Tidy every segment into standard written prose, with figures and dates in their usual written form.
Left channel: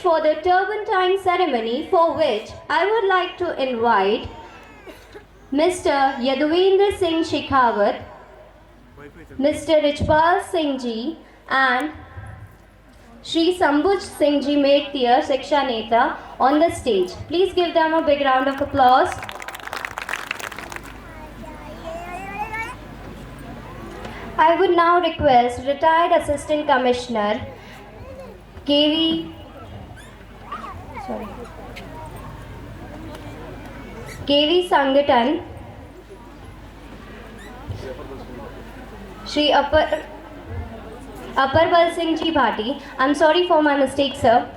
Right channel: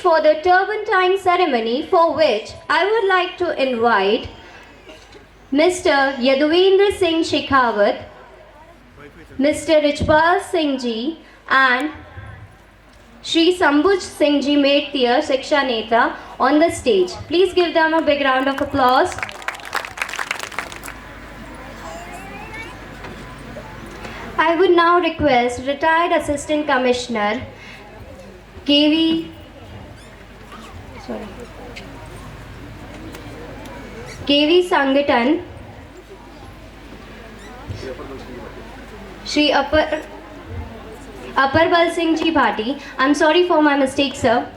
for the turban tying ceremony, for which I would like to invite Mr. Yaduvendra Singh Shekhawat, Mr. Richpal Singh Ji and Shri Sambhuj Singh Ji Mettiya Shiksha Neta on the stage. Please give them a big round of applause. I would now request retired Assistant Commissioner KV Sangatan, Shri Aparbal Singh Ji Bhati, I'm sorry for my mistake, sir,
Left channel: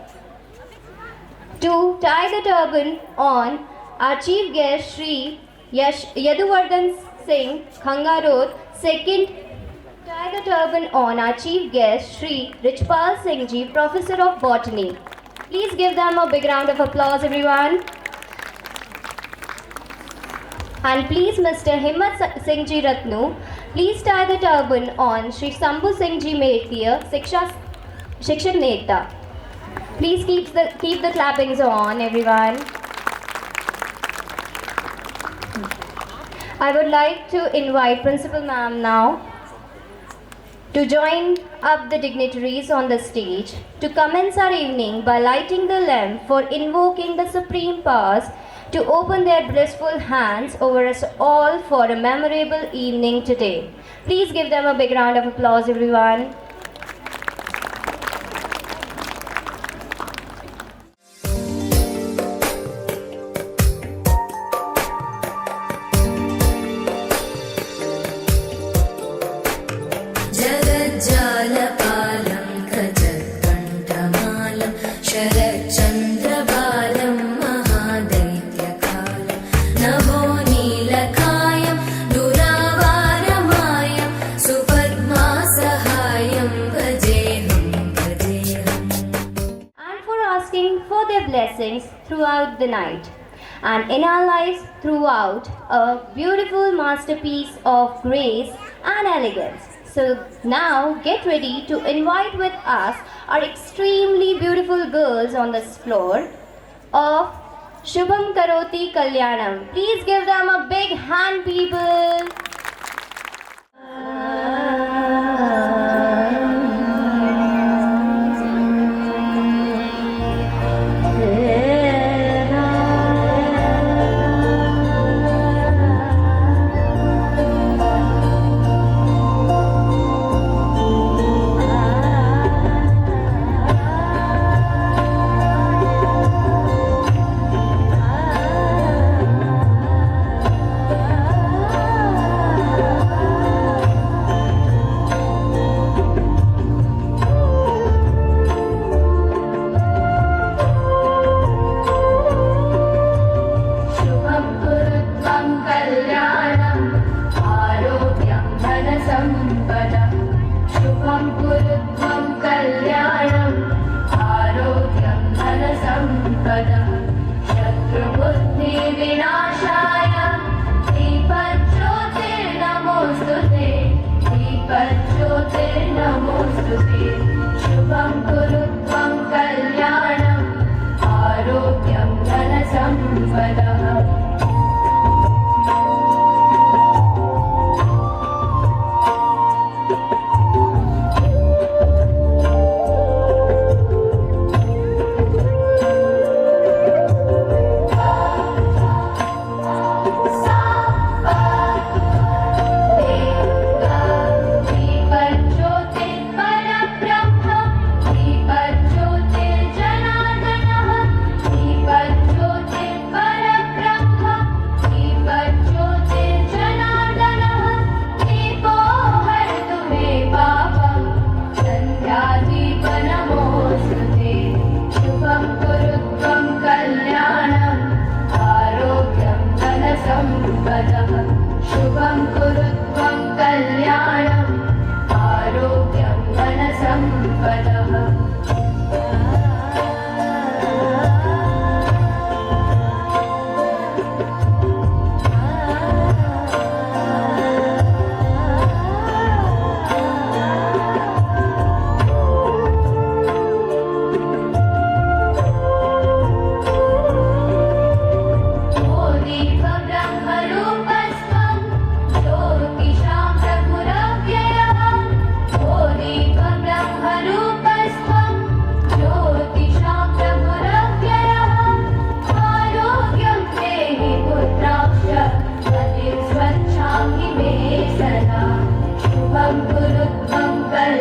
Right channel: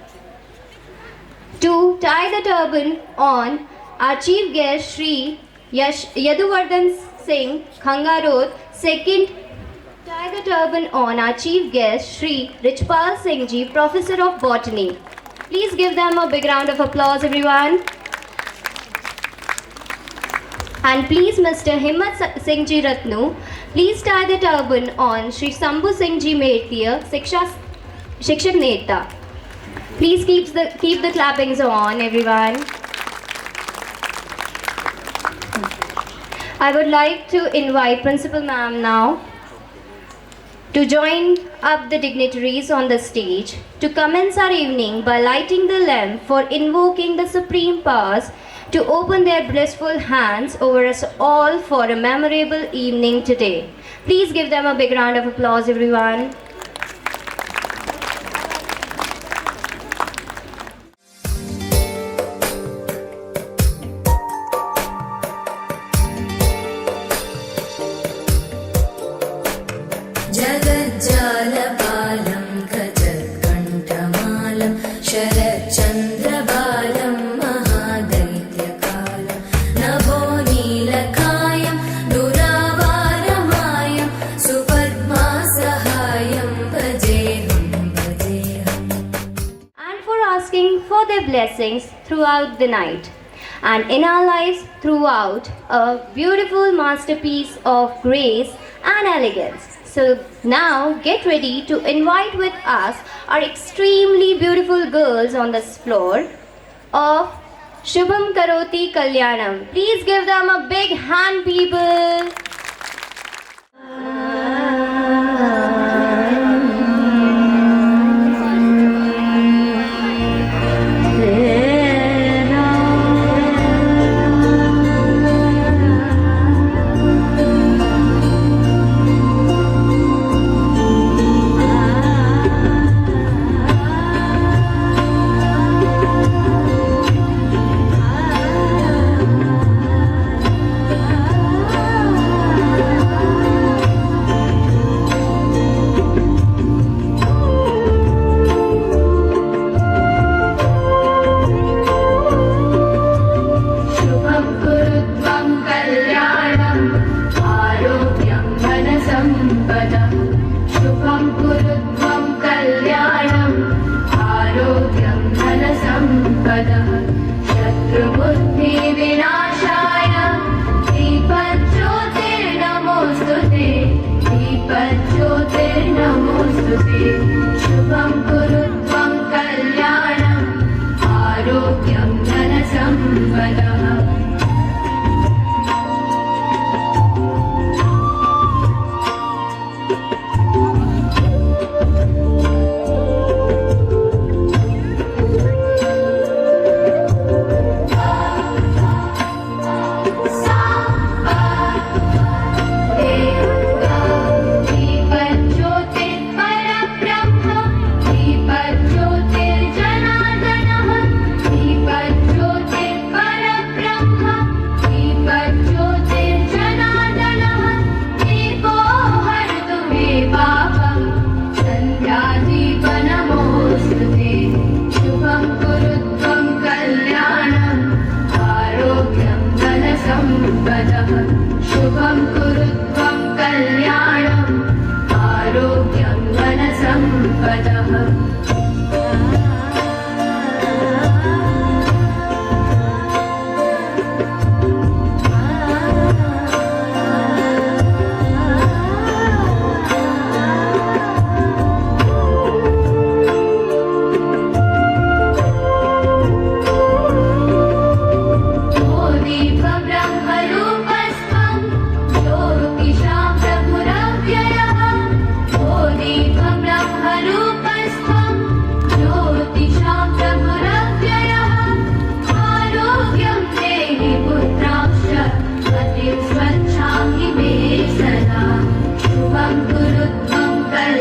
to tie the turban on our chief guest Shri Yaduvardhan Singh Khangarod. Second, tie the turban on our chief guest Shri Richpal Singh Ji, Professor of Botany. Please give them a big round of applause, everyone. And please, Mr. Himmat Singh Ji Ratnu, please tie the turban on Shri Sambhu Singh Ji Mettiya Shikshak Neta. Please keep the clappings on, everyone. I would like to invite Principal Ma'am now to join up the dignitaries on the stage to commence our evening by lighting the lamp for invoking the supreme powers to open their blissful hands over us all for a memorable evening today. Please give them a big round of applause, everyone. जगज्जालपालं खचत्कण्ठमालं शरच्चन्द्रबालं महादैत्यकालं नभोनीलकायं दुरावारमायं सुपद्मासहायं भजेऽहं भजेऽहम्. And for asking for their blessings throughout the night and in our lives throughout a beautiful masterpiece of grace and elegance. So now get ready to invite with us our extremely beautiful girls on this floor of Shubham Karoti Kalyanam. Please give them a big hand, people.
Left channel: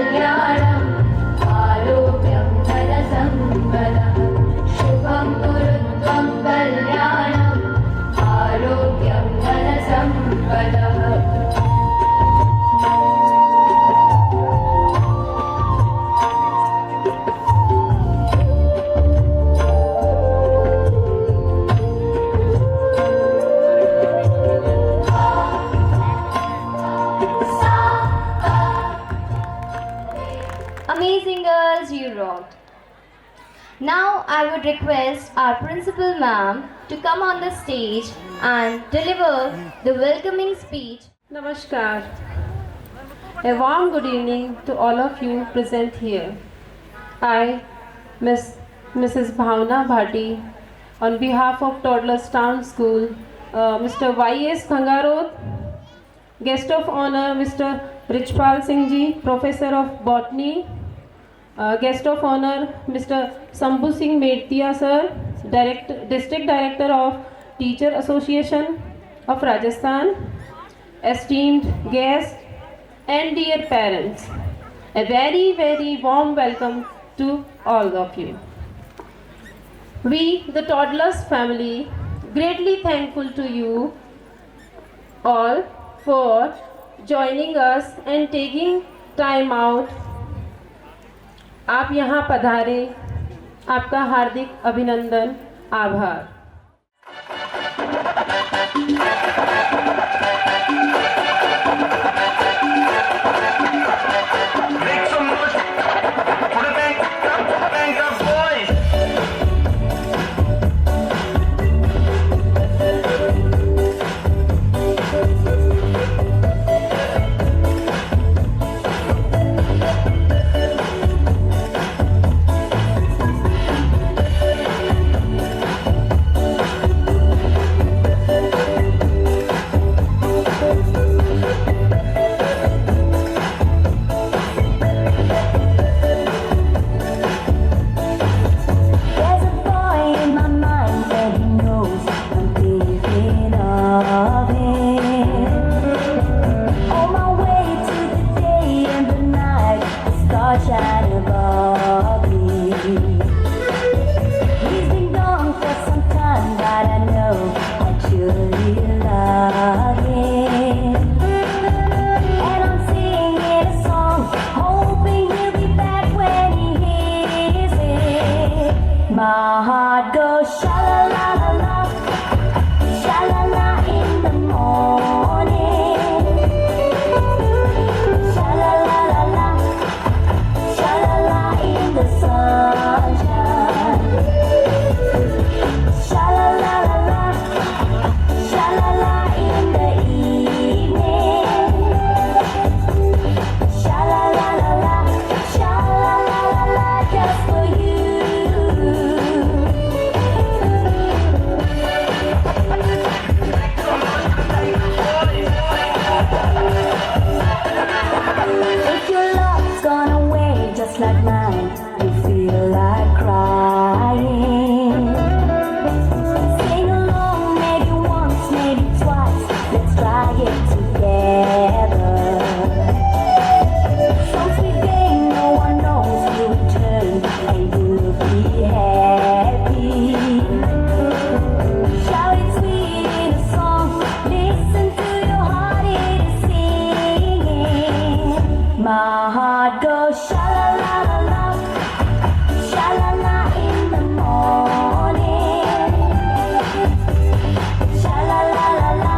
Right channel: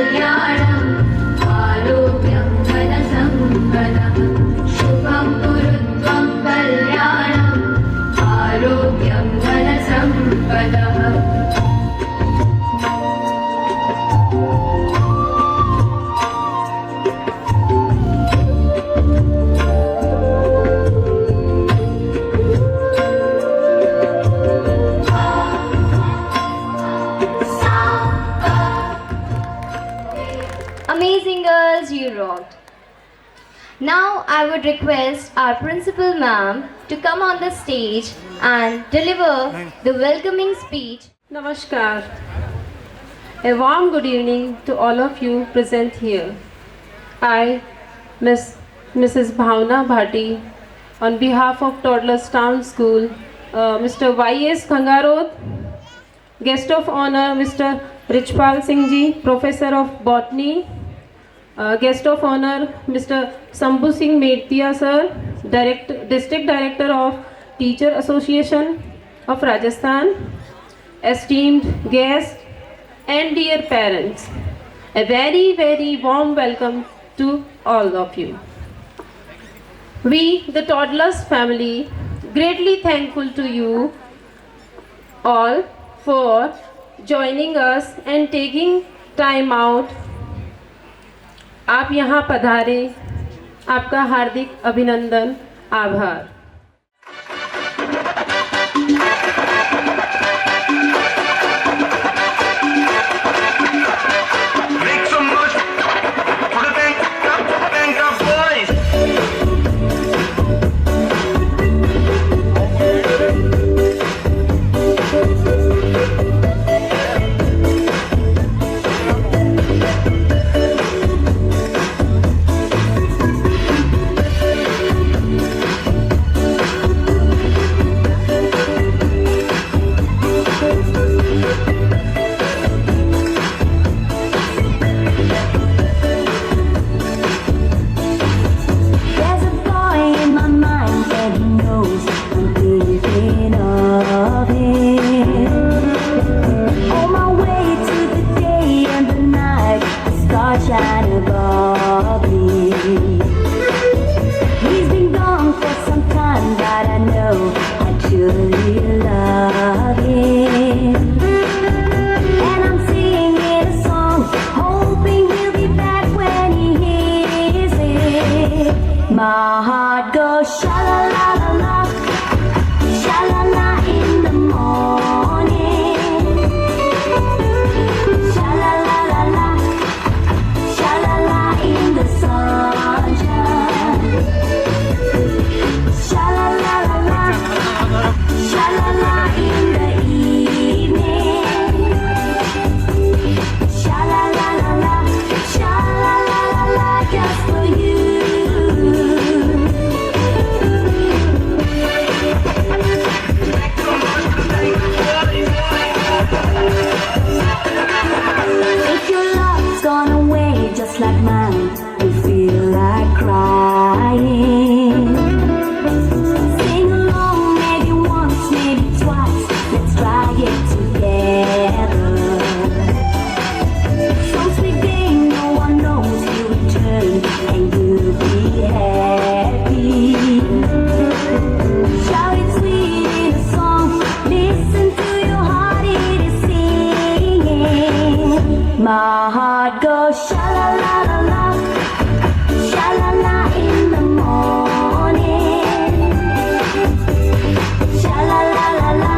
कल्याणम् आरोग्यं धनसम्पदः शुभं कुरुत्वं कल्याणम् आरोग्यं धनसम्पदः Amazing girls, you rocked. Now I would request our principal ma'am to come on the stage and deliver the welcoming speech. Namaskar. A warm good evening to all of you present here. I, Mrs. Bhavna Bhati, on behalf of Toddlers Town School, Mr. Y.S. Khangarod, guest of honor Mr. Richpal Singh Ji, Professor of Botany, guest of honor Mr. Sambhu Singh Medtia Sir, District Director of Teacher Association of Rajasthan, esteemed guests and dear parents, a very, very warm welcome to all of you. We, the Toddlers family, greatly thankful to you all for joining us and taking time out. आप यहाँ पधारे, आपका हार्दिक अभिनंदन, आभार। Make some noise for the Bank of Boys. There's a boy in my mind and he knows I'm thinking of him. On my way to the day and the night, the stars shine above me. He's been gone for some time, but I know I truly love him. And I'm singing a song, hoping he'll be back when he hears it. My heart goes sha la la la la, sha la la in the morning, sha la la la la, sha la la in the sunshine, sha la la la la, sha la la in the evening, sha la la la la, sha la la la la, just for you. If your love's gone away just like mine, you feel like crying. Sing along, maybe once, maybe twice. Let's try it together. Some sweet day, no one knows you'll return and you'll be happy. Shout it sweet in a song. Listen to your heart, it is singing. My heart goes sha la la la la, sha la la in the morning, sha la la la la,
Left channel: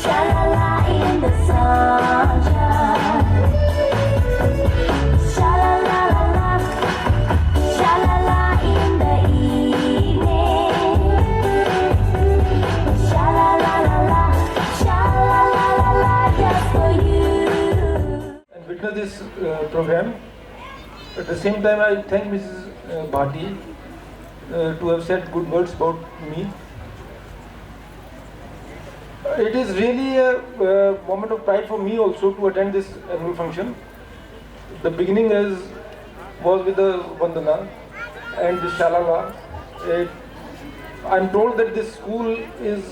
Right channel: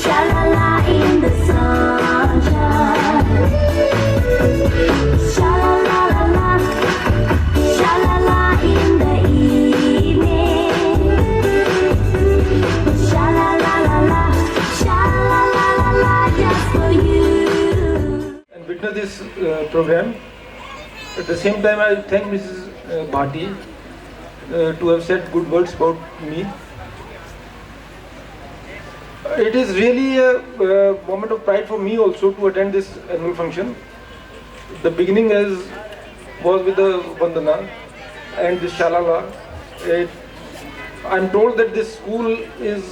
sha la la in the sunshine, sha la la la la, sha la la in the evening, sha la la la la, sha la la la la, just for you. And witness this program. At the same time, I thank Mrs. Bhati to have said good words about me. It is really a moment of pride for me also to attend this annual function. The beginning was with the Vandana and the Shalala. I'm told that this school is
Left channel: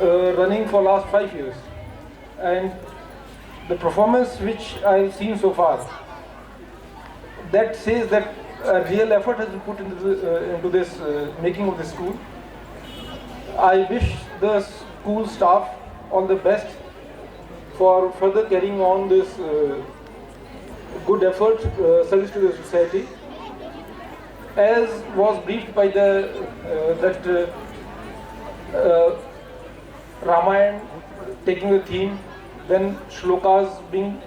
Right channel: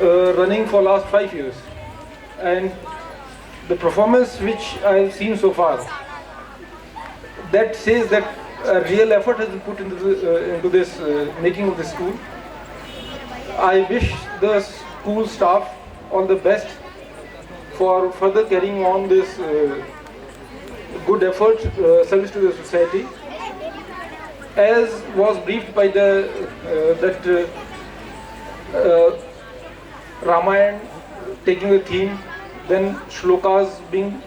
running for last 5 years, and the performance which I have seen so far, that says that a real effort has been put into this making of the school. I wish the school staff all the best for further carrying on this good effort, service to the society. As was briefed by the Ramayana taking the theme, then shlokas being.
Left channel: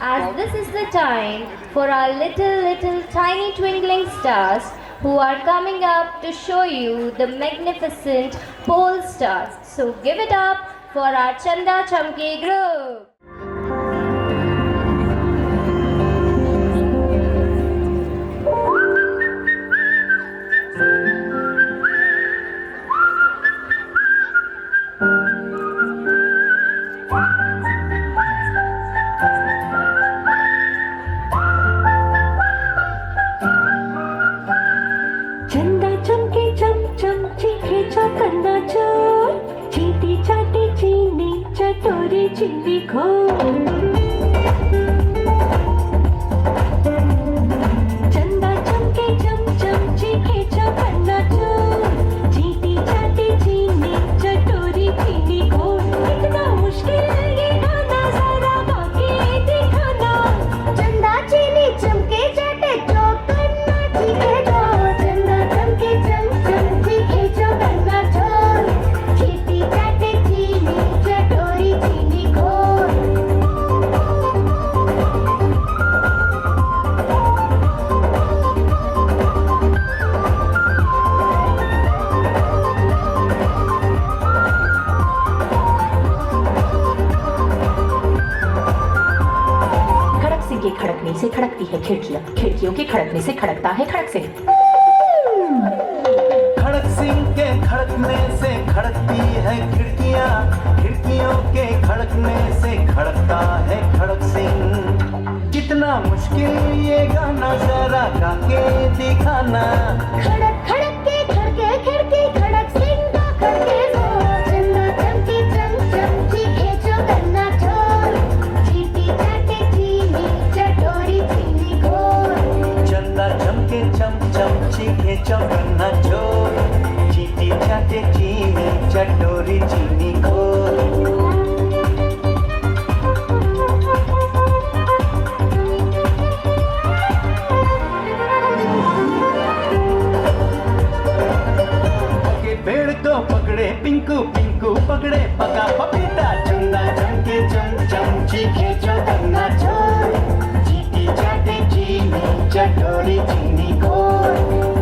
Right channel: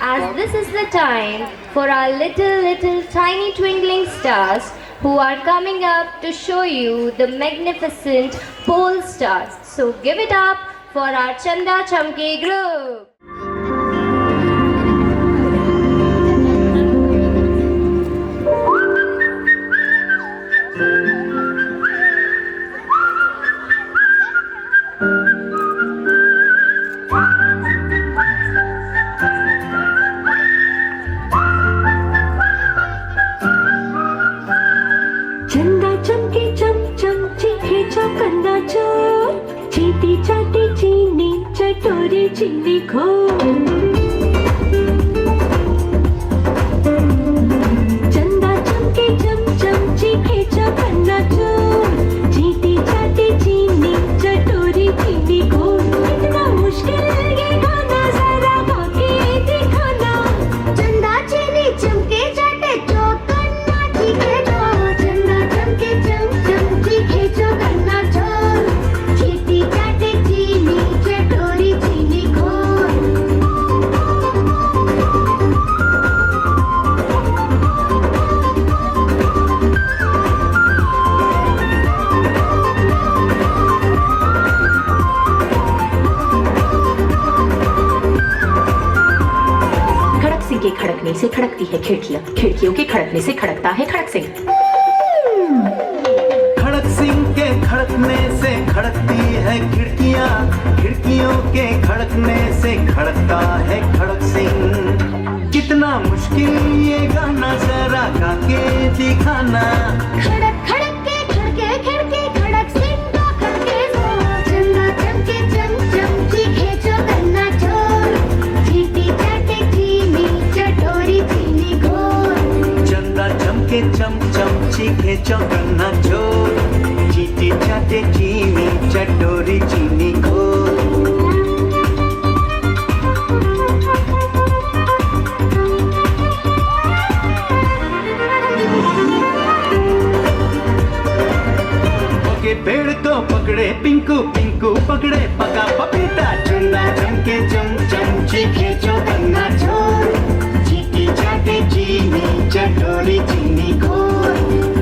As this is the time for our little tiny twinkling stars who are coming up to show you the magnificent pole stars. So give it up for our Chanda Chamke group. चंदा चमके चम चम चीखे चौकन्ना चोर चीटी चाटी चीनी चटोरी चीनी खो चंदा चमके चम चम चीखे चौकन्ना चोर चीटी चाटी चीनी चटोरी चीनी खो कितना मुश्किल है ये गाना जरा गा के दिखाना चंदा चीनी चमके चाटे चौकन्ना चीखे के खड़कने से खड़कती है खिड़कियां, खिड़कियों के खड़कने से खड़कता है खड़क सिंह। खड़क सिंह के खड़कने से खड़कती है खिड़कियां, खिड़कियों के खड़कने से खड़कता है खड़क सिंह। कितना मुश्किल ये गाना जरा गा के दिखाना। खड़क खड़क के खड़के खिड़की खड़क सिंह का खड़के चंदा चमके चम चम चीखे चौकन्ना चोर चीटी चाटी चीनी चटोरी चीनी घोर चंदा चमके चम चम चीखे चौकन्ना चोर चीटी चाटे चीनी चटोरी चीनी घोर। पेड़ तो पकड़े पिंकू, पिंकू पकड़े पका पपीता। चंदा चमके चम चम चीखे चौकन्ना चोर चीटी चाटे चीनी चटोरी चीनी घोर।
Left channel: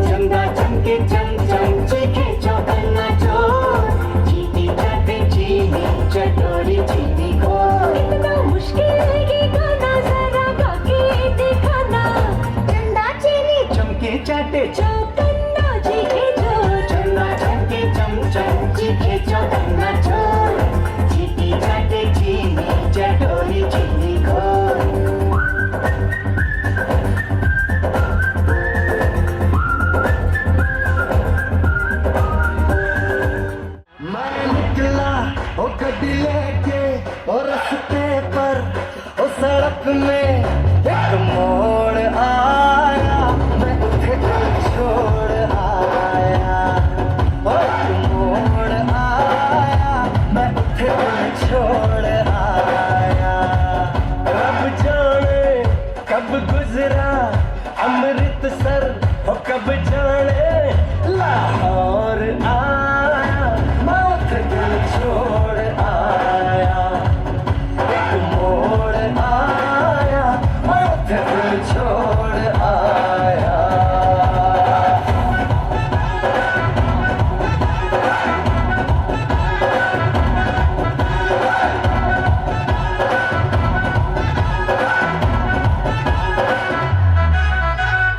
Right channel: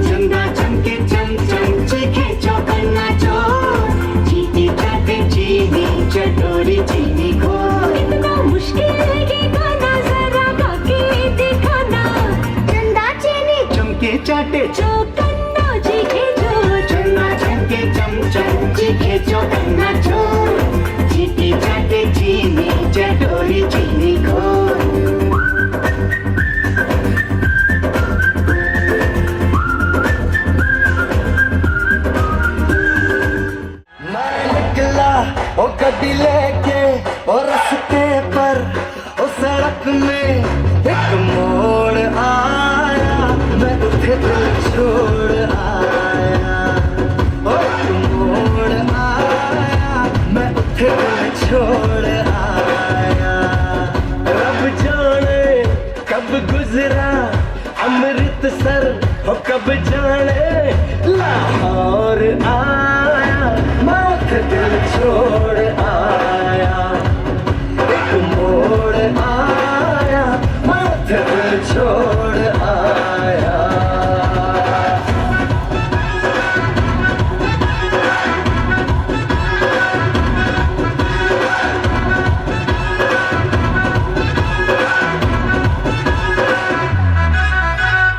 चंदा चमके चम चम चीखे चौकन्ना चोर चीटी चाटे चीनी चटोरी चीनी घोर। इतना मुश्किल है ये गाना जरा गा के दिखाना। चंदा चीनी चमके चाटे चौकन्ना चीखे चोर चंदा चमके चम चम चीखे चौकन्ना चोर चीटी चाटे चीनी चटोरी चीनी घोर। मैं निकला ओ गड्डी लेके और रस्ते पर ओ सड़क में एक मोड़ आया, मैं उठे दिल छोड़ आया। ओ एक मोड़ आया, मैं उठे दिल छोड़ आया। रब जाने कब गुजरा अमृतसर हो कब जाने लाहौर आया, मैं उठे दिल छोड़ आया। एक मोड़ आया, मैं उठे दिल छोड़ आया।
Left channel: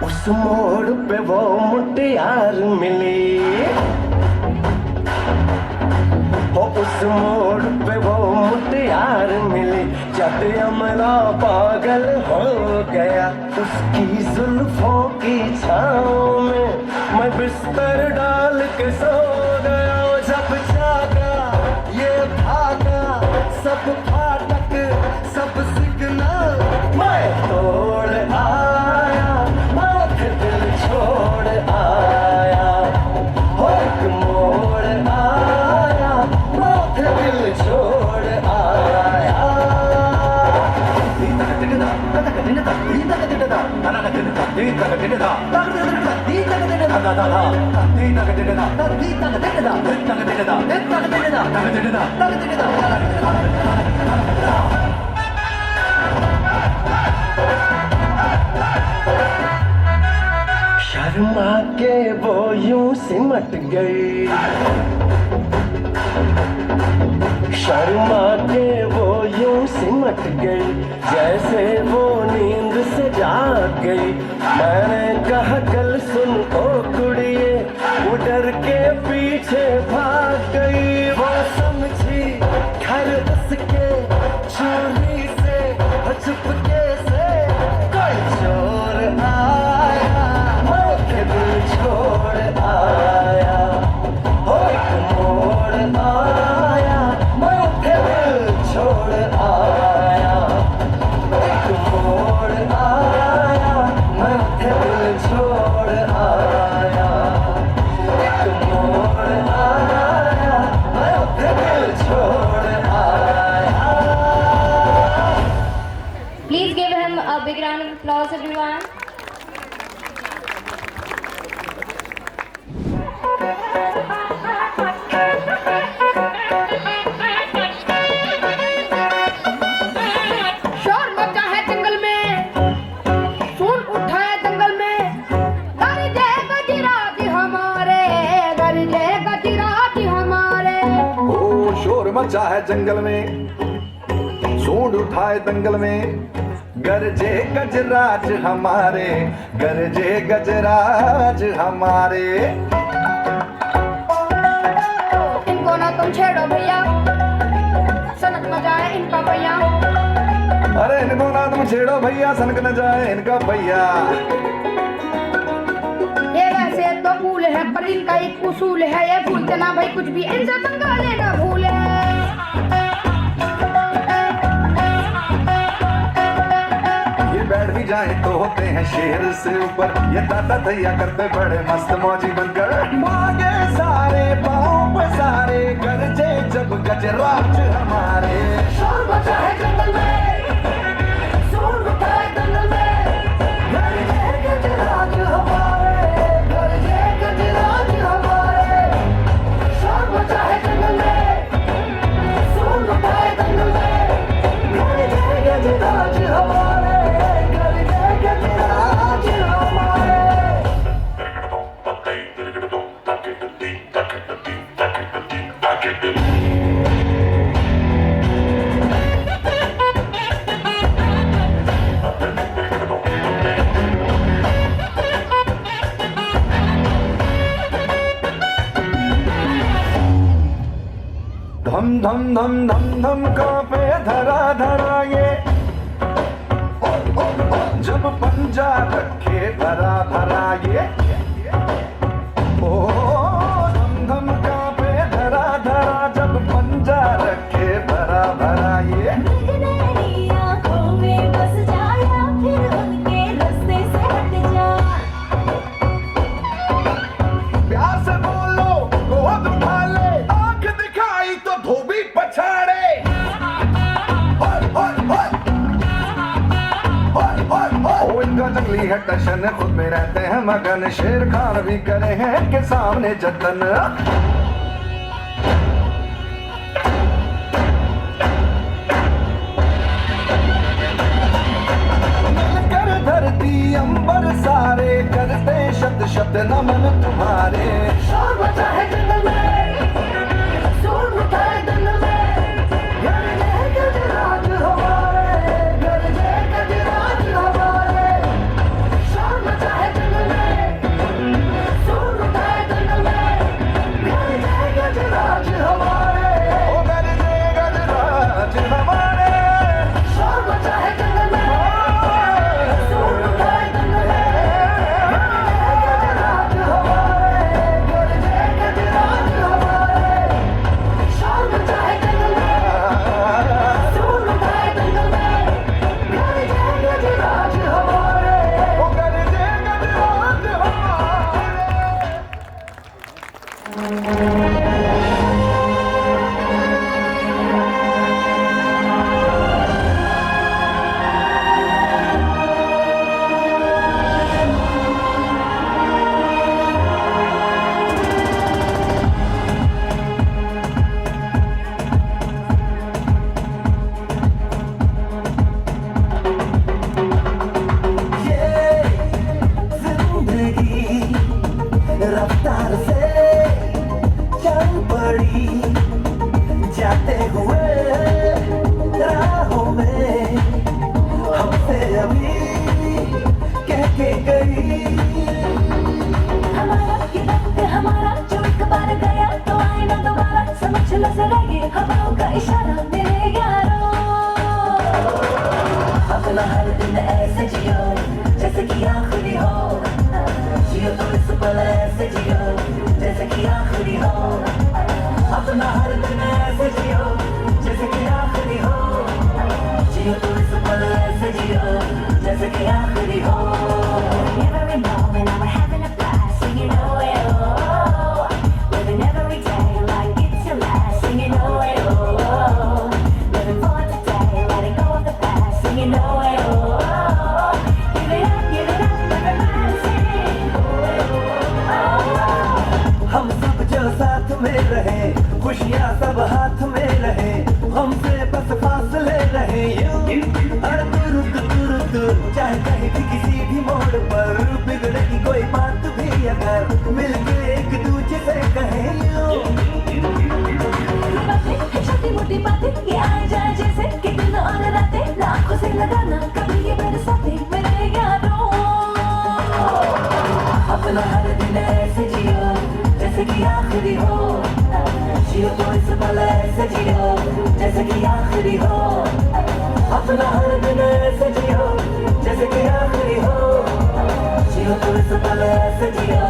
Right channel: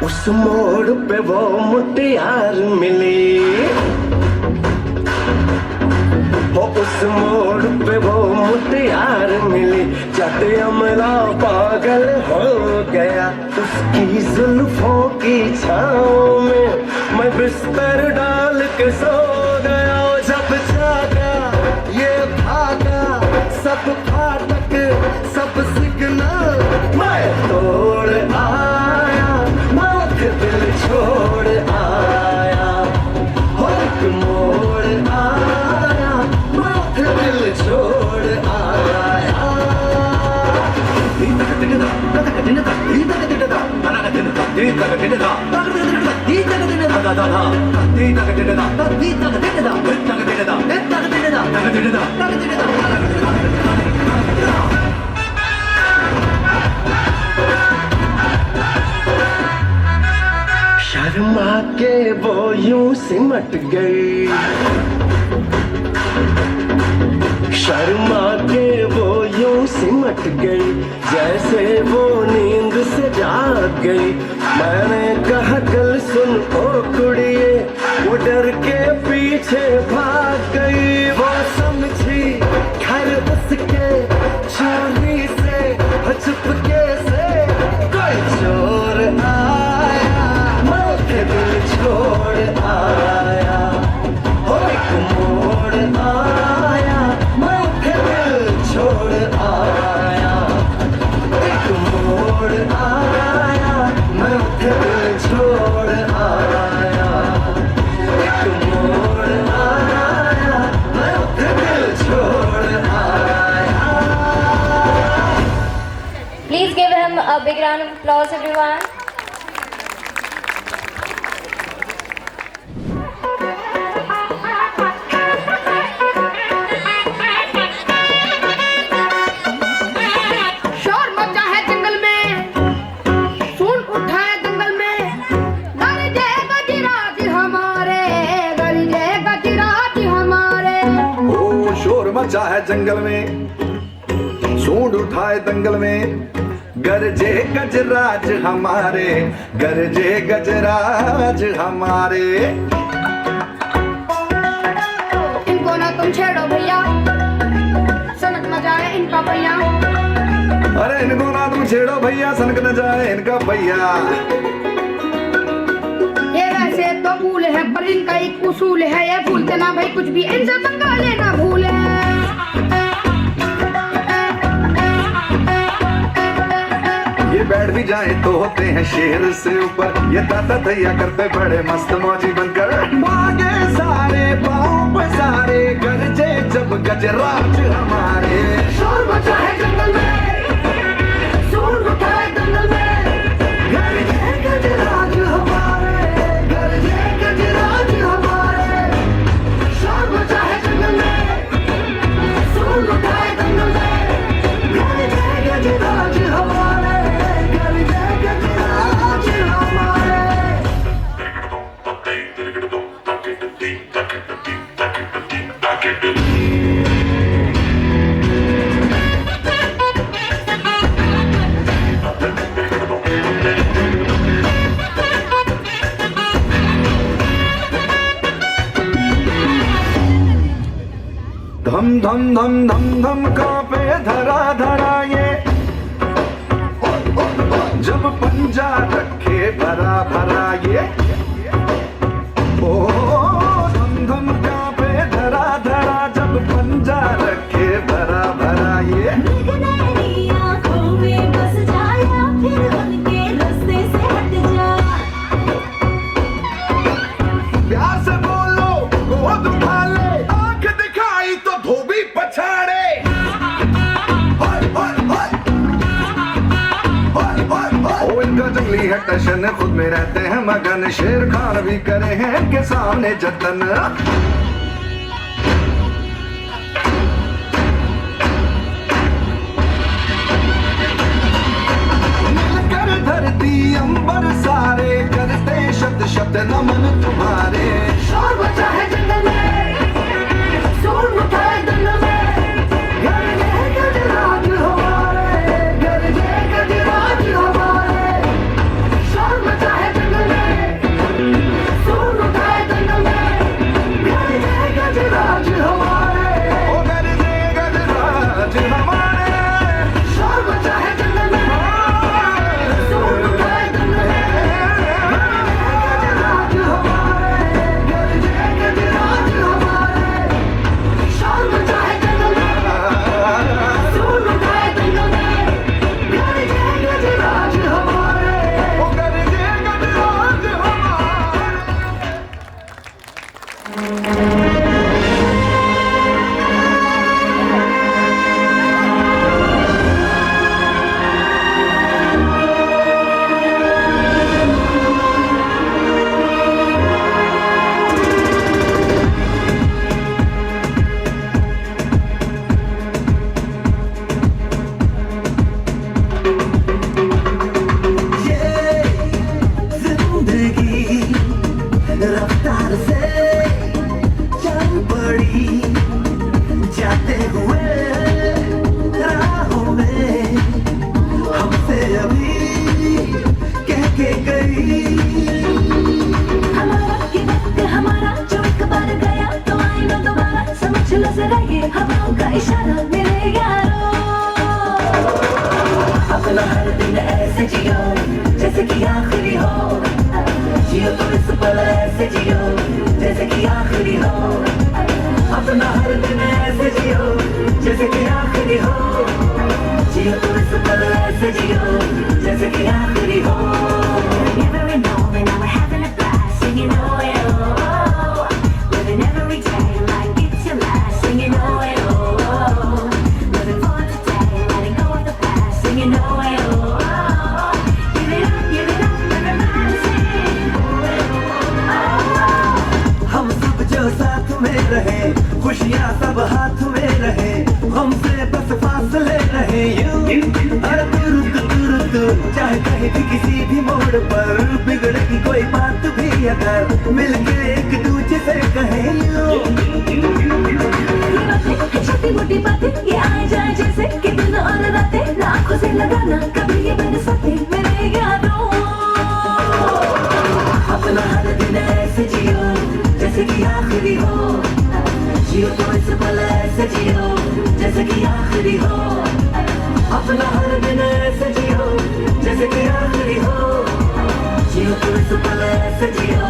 उस मोड़ पे वो मुटियार मिली हो, उस मोड़ पे वो मुटियार मिली। जब अमला पागल हो गया उसकी जुल्फों की छाँव में, मैं बिस्तर डाल के सो गया। जब जागा ये भागा सब फाटक सब शर्मा के वो यूं सिमट गई, शर्मा के वो यूं सिमट गई, जैसे वो नींद से जाग गई। मैंने कहा कल सुन ओ कुड़िए, वो डर के पीछे भाग गई। वो समझी घर उसके चोरी से चुपके से कोई चोर आया, मैं दिल छोड़ आया। हो एक मोड़ आया, मैं दिल छोड़ आया। एक मोड़ आया, मैं दिल छोड़ आया। एक मोड़ आया, मैं दिल छोड़ आया। Please give him a big round of applause, everyone. शोर मचा है जंगल में, सुन उठा है दंगल में, गरजे गजराज हमारे, गरजे गजराज हमारे। ओ शोर मचा है जंगल में, सूंड उठाए दंगल में, गरजे गजराज हमारे, गरजे गजराज हमारे। इनको ना तुम छेड़ो भैया, सनक न जाए इनका भैया। अरे इनको ना तुम छेड़ो भैया, सनक न जाए इनका भैया। ये वैसे तो फूल है पर इनका एक उसूल है, ये भूलते ना भाई कुछ भी, इनसे पंगा लेना भूले। ये बैठ भी जाए तो होते हैं शेर से ऊपर, ये दादा दैया करते बड़े मस्त मौजी बनकर। भागे सारे पाँव पसारे, गरजे जब गजराज हमारे। शोर मचा है जंगल में, सुन उठा है दंगल में, गरजे गजराज हमारे, गरजे गजराज हमारे। शोर मचा है जंगल में, सुन उठा है दंगल में, गरजे गजराज हमारे, गरजे गजराज हमारे। धम धम धम धम धम कांपे धरा धरा ये, जब पंजा रखे भरा भरा ये। ओ धम धम कांपे धरा धरा, जब पंजा रखे भरा भरा ये। गगनैनी आँखों में बस जाया, फिर उनके रास्ते से हट जा। प्यार से बोलो गोद उठा ले, आंख दिखाई तो धोबी पछाड़े। ओ इनका जंगली है टशन, खुद में रहते हैं मगन, शेर खान भी करे हैं इनके सामने जतन। कर धरती अंबर सारे, करते शब्द शब्द नमन तुम्हारे। शोर मचा है जंगल में, सुन उठा है दंगल में, गरजे गजराज हमारे, गरजे गजराज हमारे। शोर मचा है जंगल में, सुन उठा है दंगल में, गरजे गजराज हमारे। ओ गरजे गजराज हमारे। शोर मचा है जंगल में, सुन उठा है दंगल में, गरजे गजराज हमारे, गरजे गजराज हमारे। शोर मचा है जंगल में, सुन उठा है दंगल में, गरजे गजराज हमारे। ओ गरजे गजराज हमारे। अपना हर दिन ऐसे जियो जैसे कि आखिरी हो, जियो तो इस पल ऐसे जियो जैसे कि आखिरी हो, अपना हर दिन ऐसे जियो जैसे कि आखिरी हो, जियो तो इस पल ऐसे जियो जैसे कि आखिरी हो. Every moment I'm having a blast, singing oh yeah, oh, living every day like it's your last, singing oh yeah, oh, living for today, letting go of the past, singing oh yeah, oh, give it up, everybody sing oh yeah, oh. हम सब जो साथ में रहे, खुशियाँ सब हाथ में रहे, हमसे बस फासले रहे यूं, अरे दूर चाहे कहीं भी किसी भी मोड़ पर बिगड़ेगी कोई बात भी अगर मिलके एक दूजे से कहे छोटी मोटी बातें ये आए जाए जैसे कि दिन और रातें आंखों से लगाना कभी ये मेरे साथे मेरे यारों, अपना हर दिन ऐसे जियो जैसे कि आखिरी हो, जियो तो इस पल ऐसे जियो जैसे कि आखिरी हो, अपना हर दिन ऐसे जियो जैसे कि आखिरी हो, जियो तो इस पल ऐसे जियो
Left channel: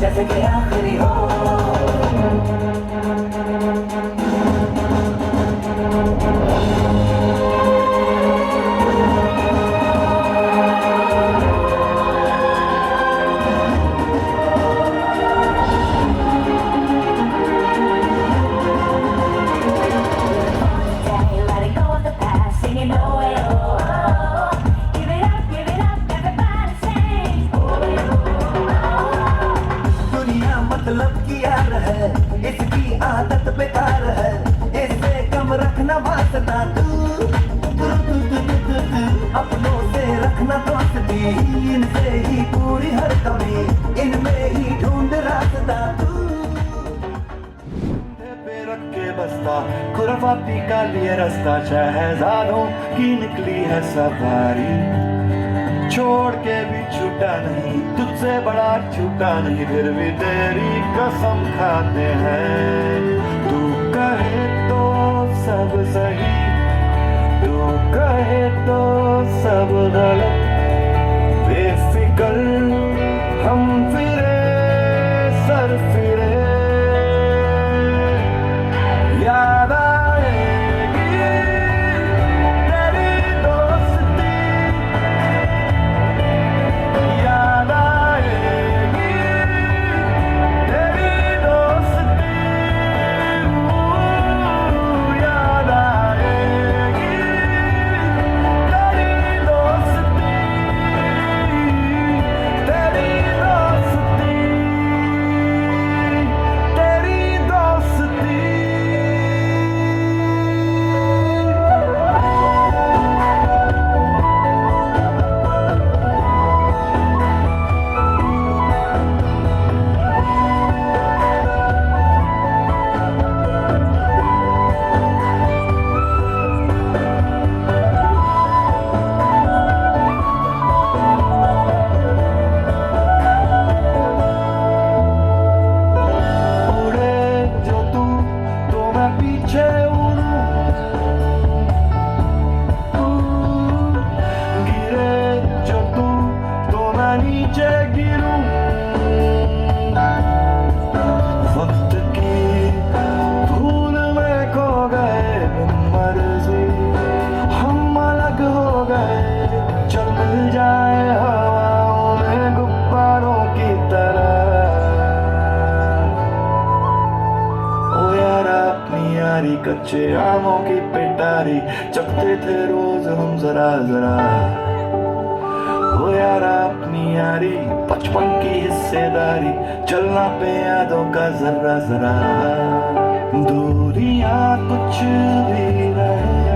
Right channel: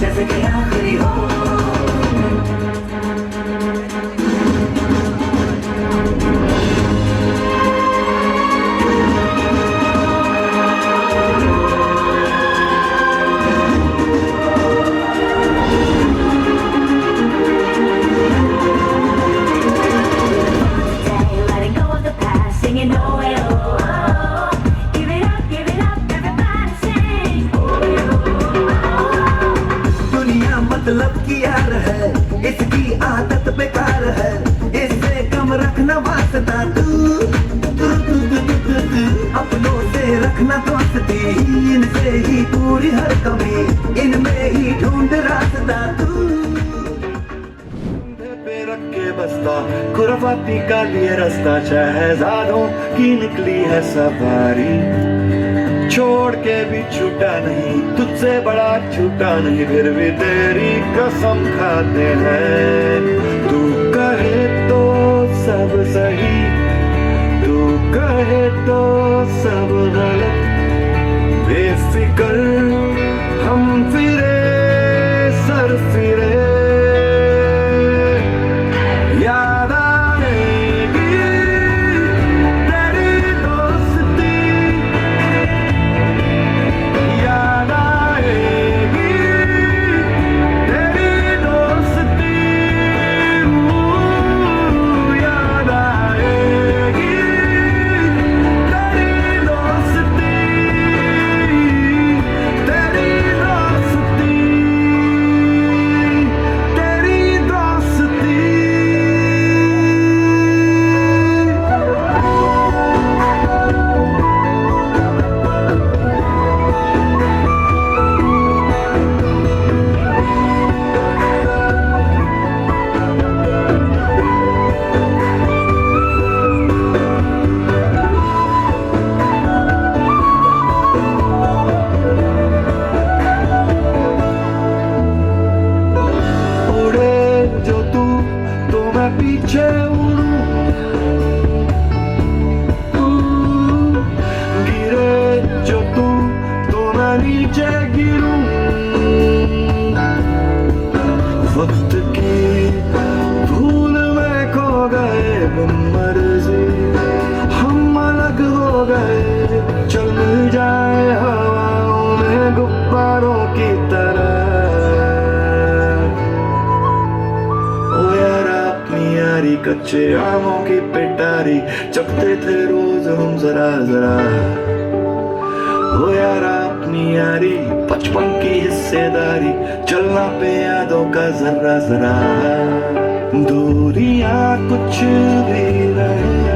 जैसे कि आखिरी हो. मतलब की यार है, इसकी आदत बेकार है, इससे कम रखना वास्ता तू, अपनों से रखना दोस्ती, इनसे ही पूरी हर कमी, इनमें ही ढूंढ रास्ता तू. पे रख के बस्ता खुराफाती का लिए रास्ता, शहजादों की निकली है सवारी, छोड़ के भी छूटा नहीं, तुझसे बड़ा छूटा नहीं, फिर भी तेरी कसम खाते हैं. तू कहे तो सब सही, तू कहे तो सब गलत, बेफिक्र हम फिरे सर फिरे, याद आएगी तेरी दोस्ती, याद आएगी तेरी दोस्ती, याद आएगी तेरी दोस्ती, तेरी दोस्ती, तेरी दोस्ती. उड़े जो तू तो मैं पीछे उड़ूं, गिरे जो तू तो मैं नीचे गिरूं, वक्त की भूल में खो गए मर्जी, हम अलग हो गए, चल मिल जाए हवाओं में गुब्बारों की तरह. ओ यार अपनी यारी कच्चे आमों की पिटारी, चखते थे रोज हम जरा जरा. ओ यार अपनी यारी बचपन की हिस्सेदारी, चलना पे यादों का जरा जरा. दूरियां कुछ भी रहे,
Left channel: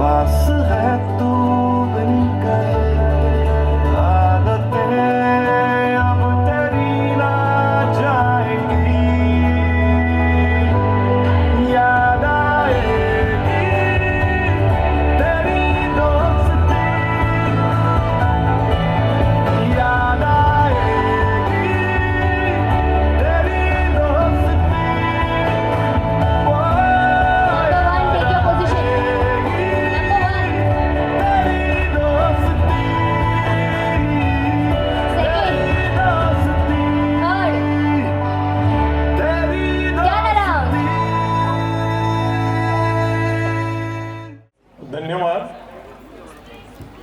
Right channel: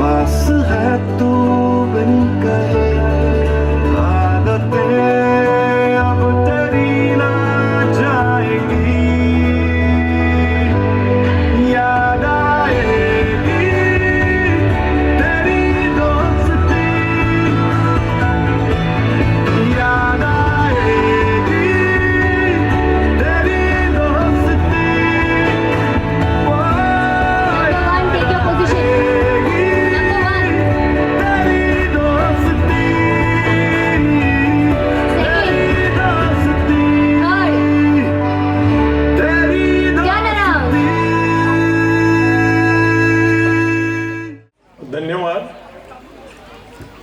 पास है तू बिन कहे, आदतें अब तेरी ना जाएंगी, याद आएगी तेरी दोस्ती, याद आएगी तेरी दोस्ती. Go and take your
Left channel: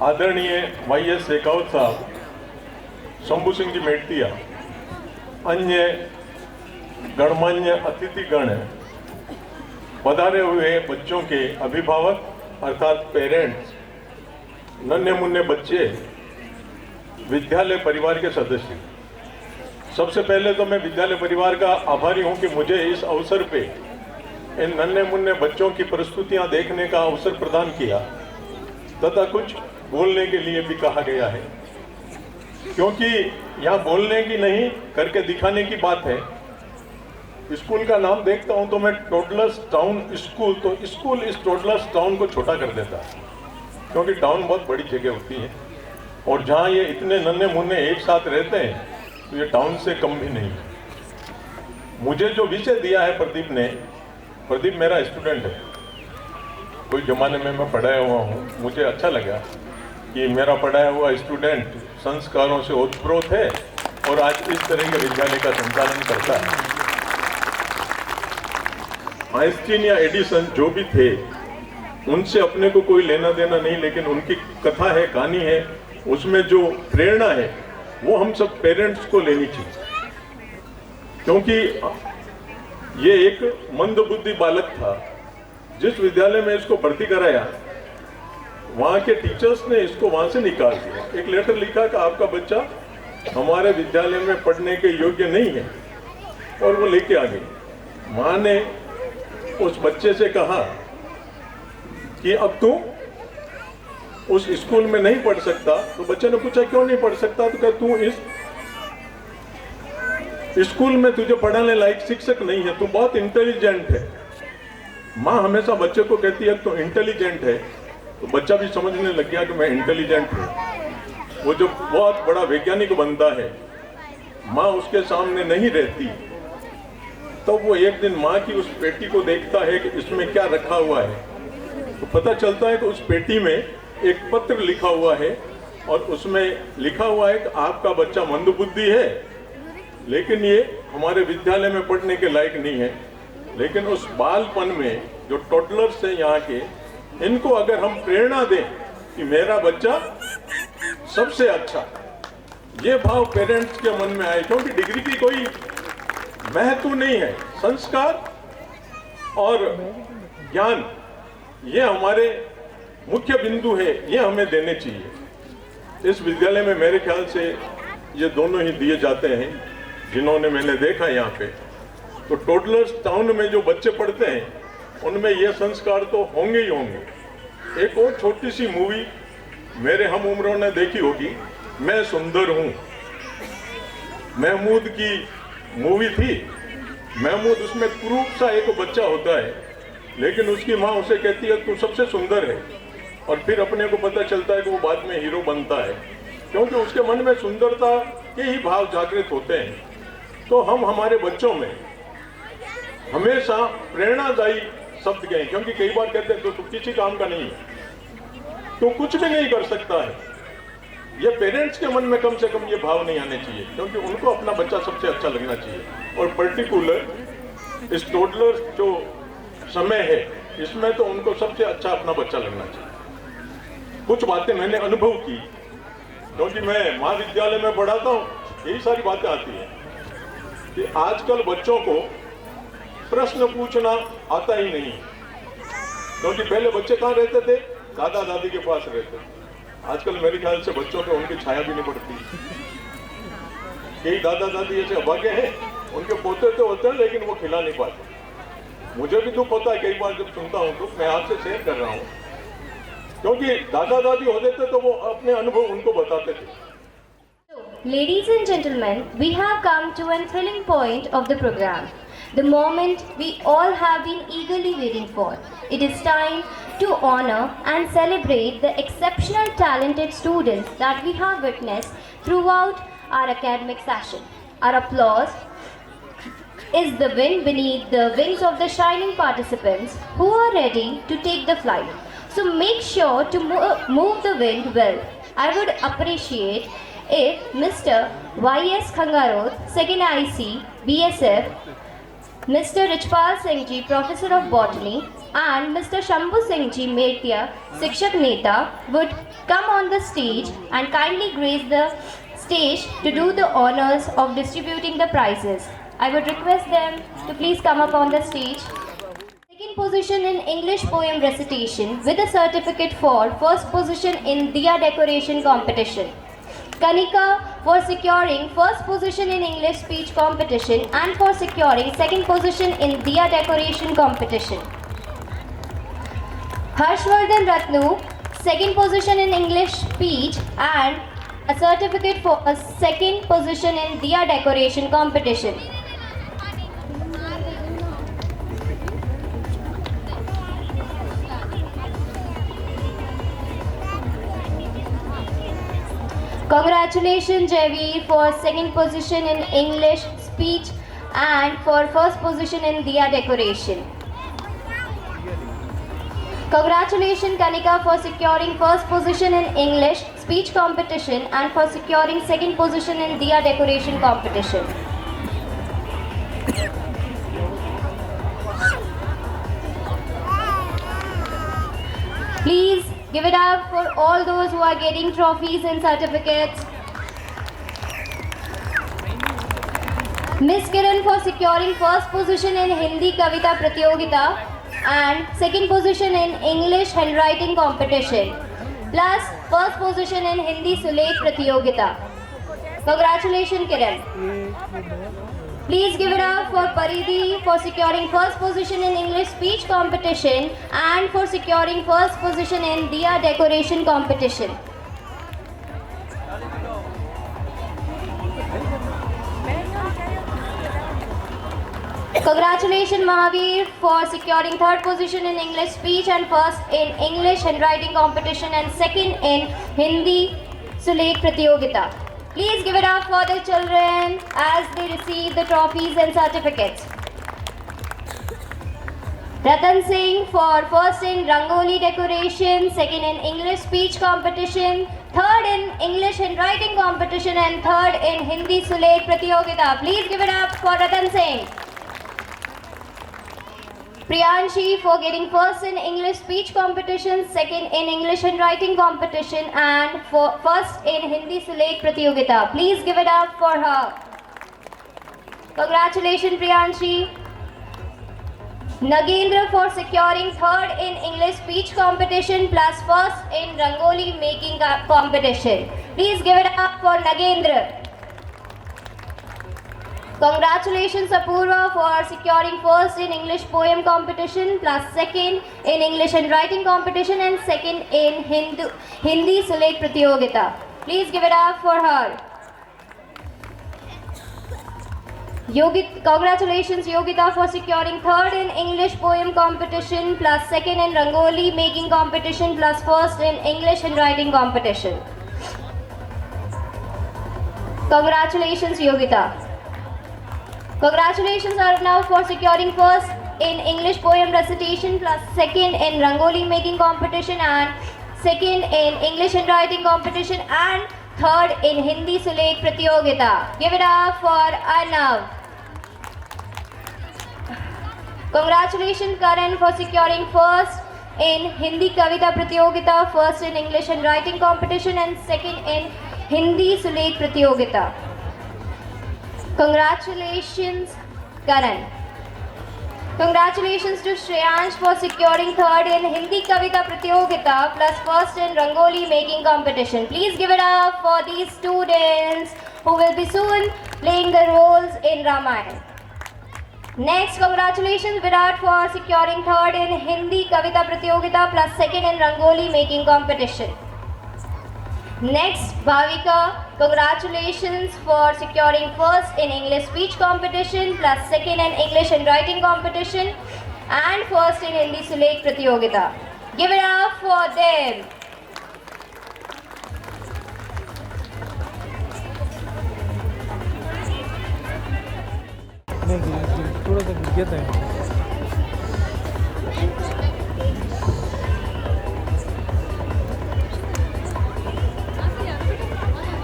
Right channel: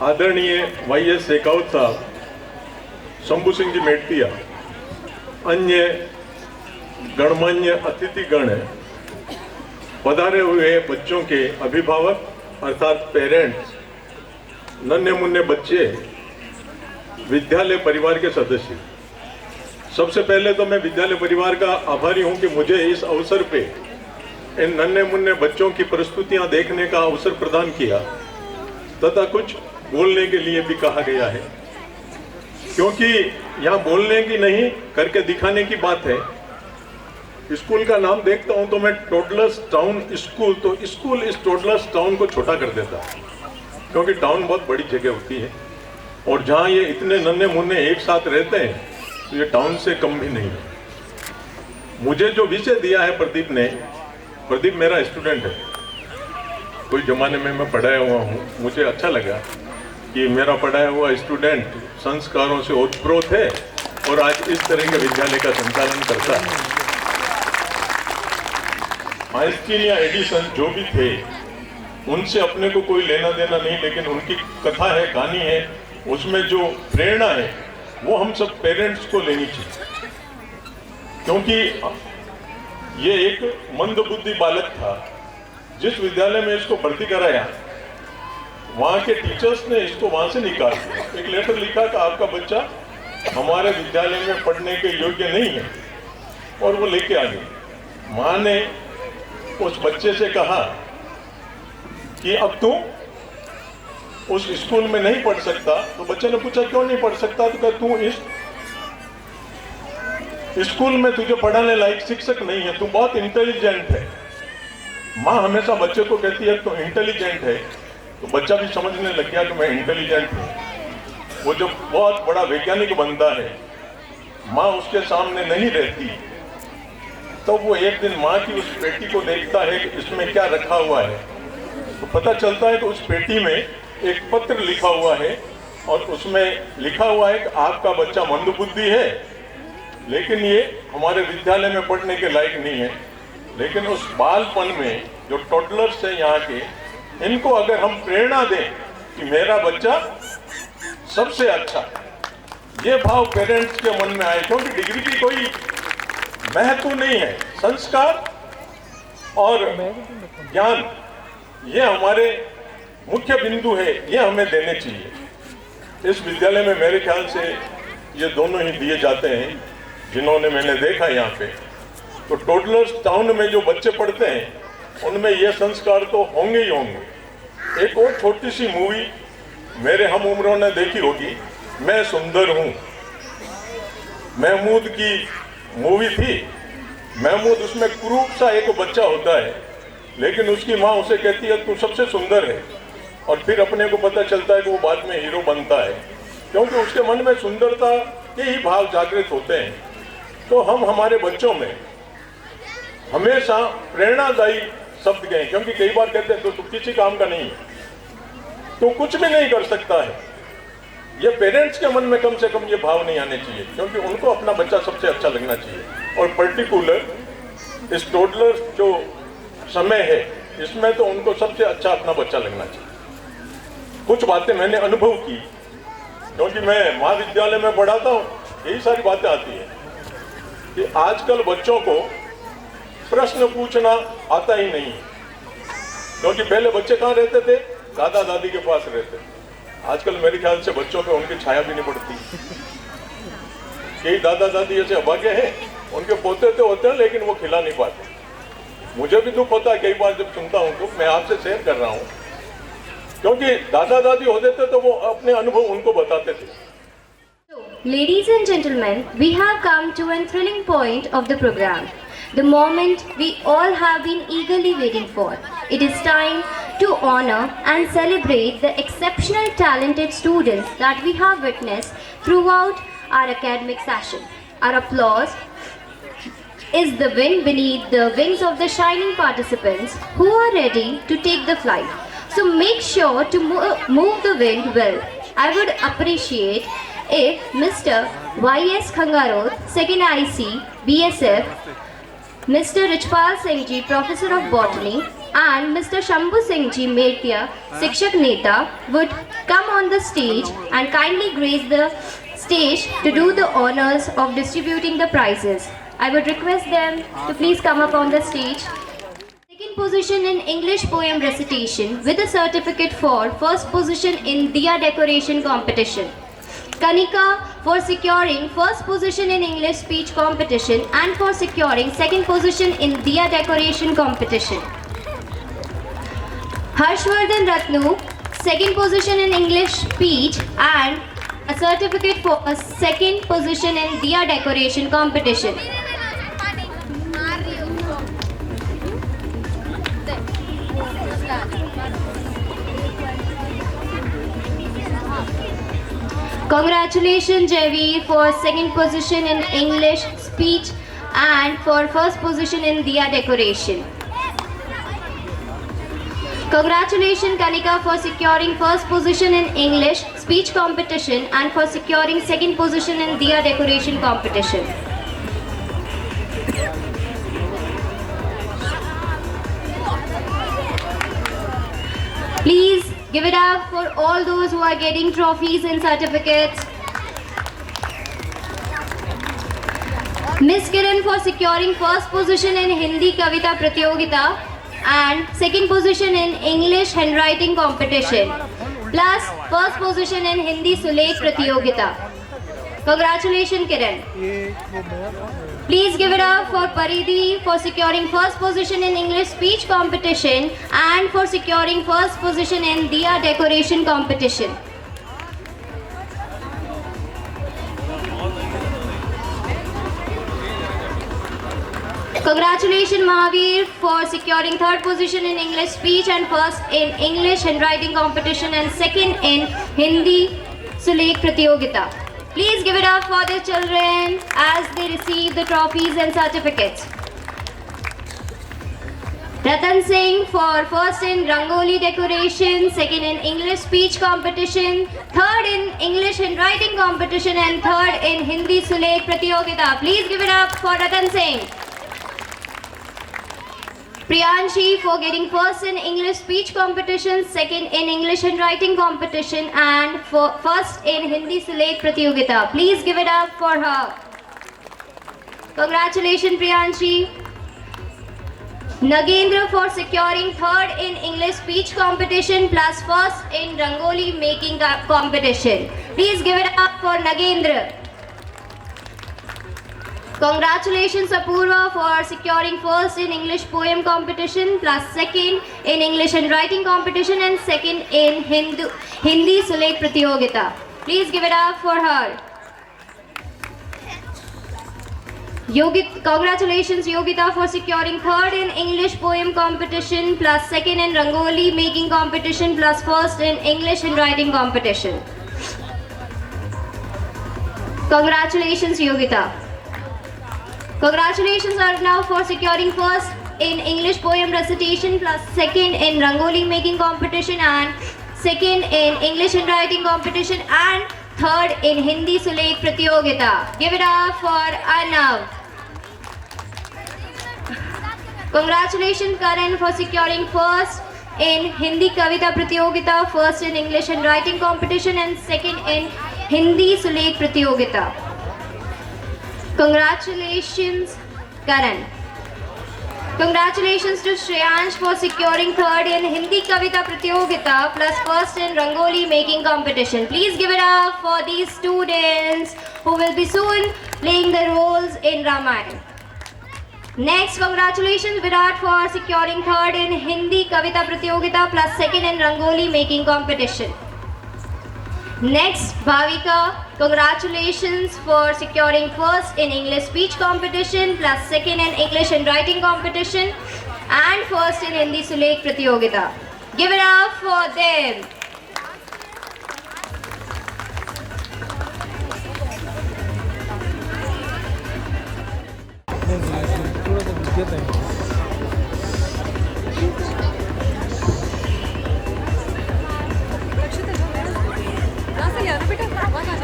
आदरणीय YS शेखावत साहब, शंभू सिंह जी मेड़तिया, अन्य गणमान्य अतिथिगण, पधारे हुए बच्चों के अभिभावक अर्थात पेरेंट्स, नन्हे मुन्ने बच्चे, विद्यालय परिवार के सदस्य, सबसे पहले तो मैं विद्यालय परिवार का आभारी हूं कि मुझे इस अवसर पे इन नन्हे मुन्ने बच्चों की प्रस्तुतियां देखने का अवसर प्रदान किया तथा कुछ बोलने के लिए भी कहा गया है, क्योंकि यहाँ बोलने की नहीं करके दिखाने की बात है। स्कूल का नाम देखता हूँ तो मैं टोडलर्स टाउन स्कूल, तो स्कूल इस टोडलर्स टाउन को छोटा कर देता है, क्योंकि टाउन बहुत बड़ी जगह होती है और जहाँ ये इतने नन्हे मुन्ने एक साथ रहते हैं तो ये टाउन से कम भी नहीं है। मुझे जो विषय दिया है प्रदीप ने, प्रदीप मेरा स्टूडेंट है, कोई जमाने में मैं पढ़ाया हुआ हूँ, मुझे अच्छा लगा कि मेरा पढ़ाया हुआ स्टूडेंट संस्कारों से ओतप्रोत है और आज इस तरह के विद्यालय का संचालन करता है। आइंस्टीन या एडिसन जो भी थे, उनसे अपने को कोई लेना देना नहीं, लेकिन उनकी कथा है, कहानी है, उसमें जो प्रेरणा है वो हम सब पेरेंट्स को लेनी चाहिए, क्योंकि ये एक मंदबुद्धि बालक था। जिस विद्यालय में इसको भर्ती कराया, वहाँ के टीचर्स ने इसको वहाँ से निकाल दिया। एक लेटर लिखा कि आपका बच्चा हमारे विद्यालय में पढ़ने के योग्य नहीं है, और वो लेके आ गए। माँ ने उस बच्चे से कहा कि अब तू उस स्कूल में नहीं पढ़ सकता। तो बच्चे ने पूछा क्यों नहीं पढ़ सकता, तो कहता तू इस स्कूल में तुझे पढ़ाने लायक शिक्षक नहीं है, तू बहुत इंटेलिजेंट है। माँ हमेशा बच्चे को कहती है तो इंटेलिजेंट है, तो बच्चा भी समझने लग गया कि मैं इंटेलिजेंट हूँ। वो जब बहुत बड़ा वैज्ञानिक बनता है, माँ उसके सामने नहीं रहती, तो वो एक दिन माँ की उस पेटी को देखता है कि इसमें क्या रखा हुआ है। तो पता चलता है कि उस पेटी में एक पत्र लिखा हुआ है और उसमें लिखा हुआ है कि आपका बच्चा मंदबुद्धि है, लेकिन ये हमारे विद्यालय में पढ़ने के लायक नहीं है। लेकिन उस बालपन में जो टोडलर्स है यहाँ के, इनको अगर हम प्रेरणा दें कि मेरा बच्चा सबसे अच्छा, ये भाव पेरेंट्स के मन में आए, क्योंकि डिग्री की कोई महत्व नहीं है। संस्कार और ज्ञान ये हमारे मुख्य बिंदु है, ये हमें देने चाहिए। इस विद्यालय में मेरे ख्याल से ये दोनों ही दिए जाते हैं, जिन्होंने मैंने देखा यहाँ पे। तो टोडलर्स टाउन में जो बच्चे पढ़ते हैं उनमें ये संस्कार तो होंगे ही होंगे। एक और छोटी सी मूवी मेरे हम उम्रों ने देखी होगी, मैं सुंदर हूँ। महमूद की मूवी थी। महमूद उसमें क्रूप सा एक बच्चा होता है, लेकिन उसकी माँ उसे कहती है तू सबसे सुंदर है, और फिर अपने को पता चलता है कि वो बाद में हीरो बनता है, क्योंकि उसके मन में सुंदरता के ही भाव जागृत होते हैं। तो हम हमारे बच्चों में हमेशा प्रेरणादायी शब्द कहें, क्योंकि कई बार कहते हैं तो किसी काम का नहीं, तो कुछ भी नहीं कर सकता है। ये पेरेंट्स के मन में कम से कम ये भाव नहीं आने चाहिए, क्योंकि उनको अपना बच्चा सबसे अच्छा लगना चाहिए। और पर्टिकुलर इस टोडलर जो समय है, इसमें तो उनको सबसे अच्छा अपना बच्चा लगना चाहिए। कुछ बातें मैंने अनुभव की, क्योंकि मैं महाविद्यालय में पढ़ाता हूँ, यही सारी बातें आती हैं कि आजकल बच्चों को प्रश्न पूछना आता ही नहीं, क्योंकि पहले बच्चे कहाँ रहते थे, दादा दादी के पास रहते थे। आजकल मेरे ख्याल से बच्चों पे उनकी छाया भी नहीं पड़ती। कई दादा दादी ऐसे अभागे हैं, उनके पोते तो होते हैं लेकिन वो खिला नहीं पाते। मुझे भी दुख होता है कई बार जब सुनता हूँ, तो मैं आपसे शेयर कर रहा हूँ, क्योंकि दादा दादी होते थे तो वो अपने अनुभव उनको बताते थे। Ladies and gentlemen, we have come to a thrilling point of the program. The moment we all have been eagerly waiting for. It is time to honor and celebrate the exceptional talented students that we have witnessed throughout our academic session. Our applause is the wind beneath the wings of the shining participants who are ready to take the flight. So make sure to move the wind well. I would appreciate if Mr. Y.S. Khangarot, 2nd IC, BSF, Mr. Richpal Singh Ji, Professor of Botany, and Mr. Shambhu Singh Ji Mertia, Sikshak Neta, would come on the stage and kindly grace the stage to do the honors of distributing the prizes. I would request them to please come up on the stage. Second position in English poem recitation with a certificate for first position in Diya decoration competition. Kanika for securing first position in English speech competition and for securing second position in Diya decoration competition. Harshvardhan Ratnu, second position in English speech and a certificate for a second position in Diya decoration competition. Congratulations Javi for second position in English speech and for first position in Diya decoration. Congratulations Kanika for securing first position in English speech competition and for securing second position in Diya decoration competition. Please give it up for all those who are getting trophies and certificates. Miss Kiran for securing first position in Hindi Kavita Pratyogita and second position in English handwriting competition plus first position in Hindi Sulekh Pratyogita. Congratulations Kiran. Please give it up for Paridhi for securing first position in English speech competition and for securing first position in Diya decoration competition. Congratulations Mahavir for securing third position in English speech and first in English handwriting competition and second in Hindi Sulekh Pratyogita. Please give it up for the children as they receive the trophies and certificates. Ratan Singh for first in Rangoli decoration, second in English speech competition, third in English handwriting competition and third in Hindi Sulekh Pratyogita. Please give it up for Ratan Singh. Priyanshi for getting first in English speech competition, second in English handwriting competition and for first in Hindi Sulekh Pratyogita. Please give it up for her. Congratulations Priyanshi. Nagendra for securing third in English speech competition plus first in Rangoli making competition. Please give it up for Nagendra. Congratulations Apurva for securing first in English poem competition plus second in English handwriting competition and second in Hindi Sulekh Pratyogita. Please give it up for her. Congratulations Yogita for securing third in English poem competition plus second in Rangoli making competition plus first in English handwriting competition. Congratulations Yogita. Congratulations Arnav for securing first in English poem recitation plus second in Rangoli making competition and second in English handwriting competition and third in Hindi Sulekh Pratyogita. Give it up for Arnav. Congratulations Karan for securing first in Hindi Kavita Pratyogita, first in English handwriting competition and second in Hindi Sulekh Pratyogita. Congratulations Karan. Congratulations to Shreyansh for securing third in Hindi Kavita Pratyogita plus first in Rangoli making competition. Please give it up for these students who will be soon playing the roles in Ramayana. Next, congratulations Virat for securing third in Hindi Kavita Pratyogita plus second in Rangoli making competition. Next, Bhavika, congratulations for securing first in English speech competition plus second in English handwriting competition and first in Hindi Sulekh Pratyogita. Give it up for them.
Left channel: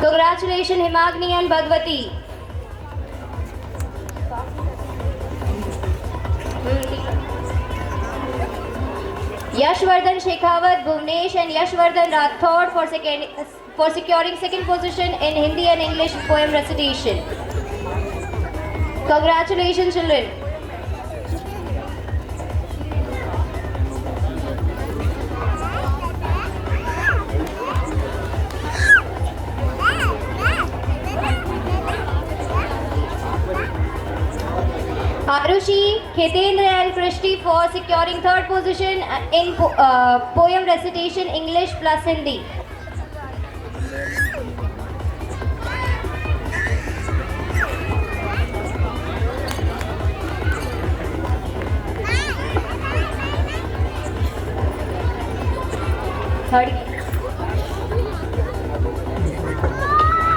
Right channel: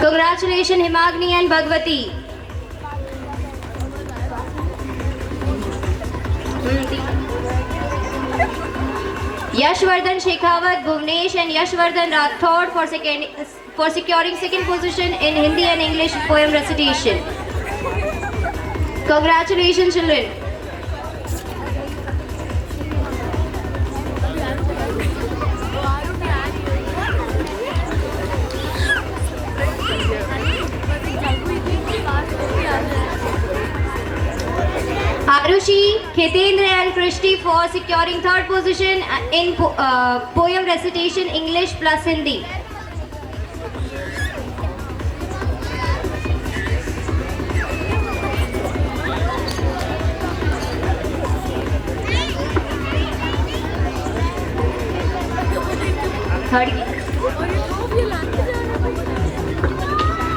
Congratulations Himagni and Bhagwati. Yashvardhan Shekhawat, Bhuvnesh and Yashvardhan Rathod for securing second position in Hindi and English poem recitation. Congratulations, children. Arushi, Khetendra and Krishti for securing third position in poem recitation English plus Hindi.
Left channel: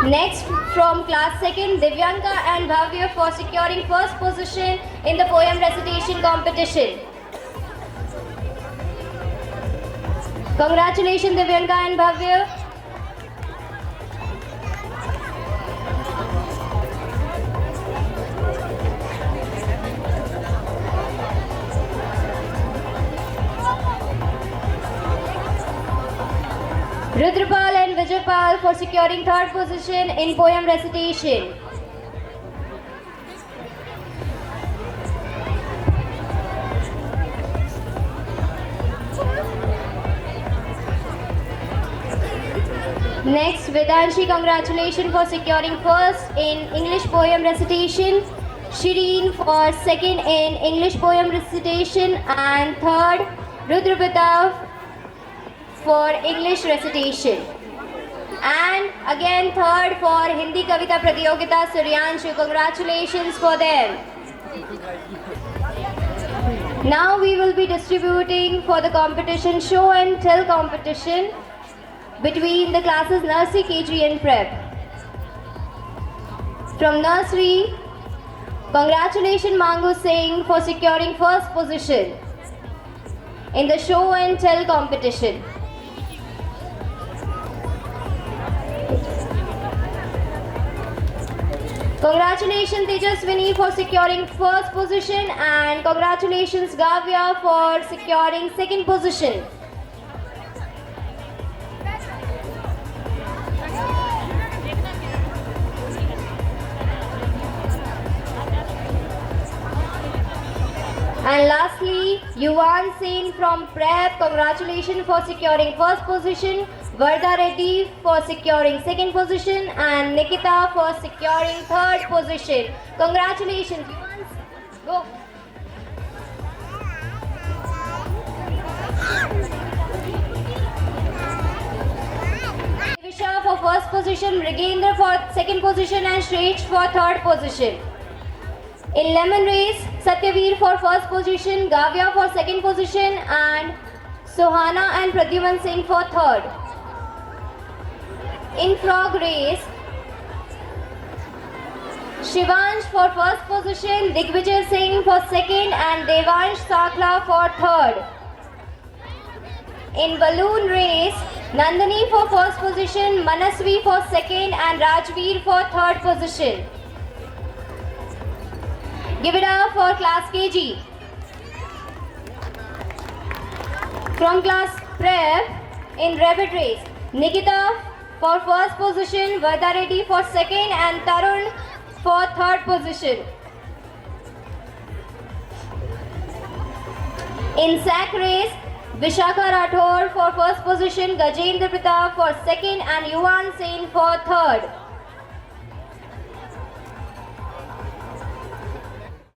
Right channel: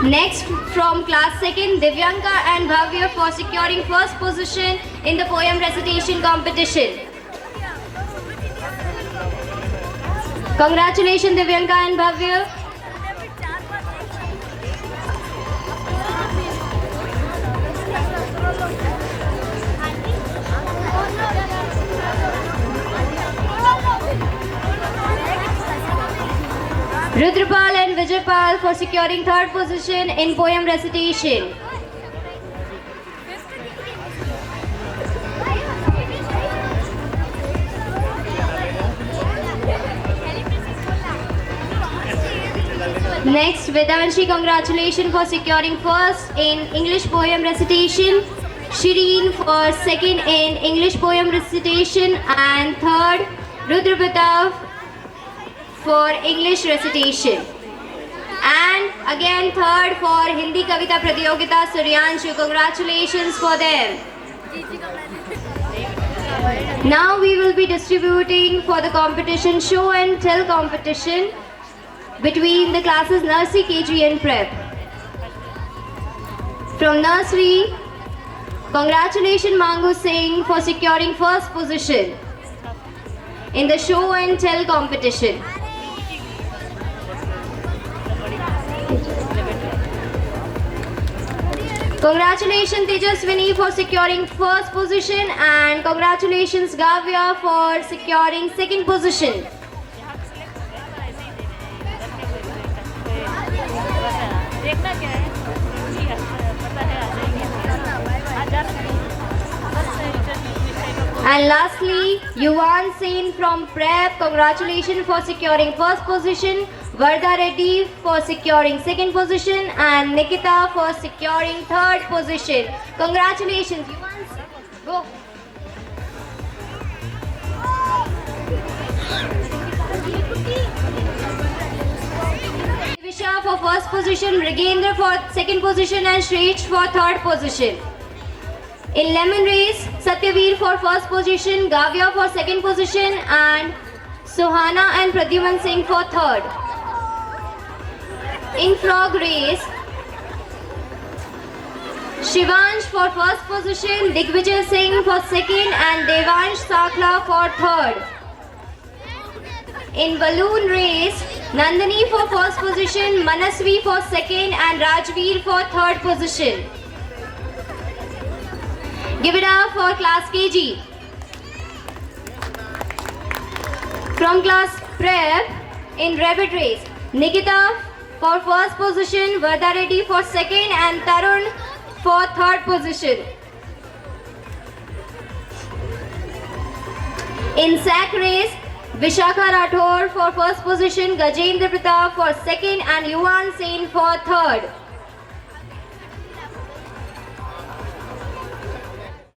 Next, from class 2nd, Divyanka and Bhavya for securing first position in the poem recitation competition. Congratulations, Divyanka and Bhavya. Rudrapal and Vijaypal for securing third position in poem recitation. Next, Vedanshi, congratulations for securing first in English poem recitation. Shireen for second in English poem recitation and third, Rudrapita for English recitation. And again third for Hindi Kavita Pratiyogita, Suryanshu. Congratulations for them. Now we will be distributing for the competition show and tell competition between the classes nursery, KG and prep. From nursery, congratulations Mangu Singh for securing first position in the show and tell competition. Congratulations Tejaswini for securing first position and congratulations Gavya for securing second position. And lastly, Yuvan Sen from Prep, congratulations for securing first position. Vardha Reddy for securing second position and Nikita for securing third position. Congratulations, Yuvan. Go. Visha for first position, Rigendra for second position and Shresh for third position. In lemon race, Satyaveer for first position, Gavya for second position and Sohana and Pradyuman Singh for third. In frog race, Shivansh for first position, Digvijay Singh for second and Devansh Sakla for third. In balloon race, Nandini for first position, Manasvi for second and Rajveer for third position. Give it up for class KG. From class prep, in rabbit race, Nikita for first position, Vardha Reddy for second and Tarun for third position. In sack race, Vishakha Rathore for first position, Gajendra Pratap for second and Yuvan Sen for third.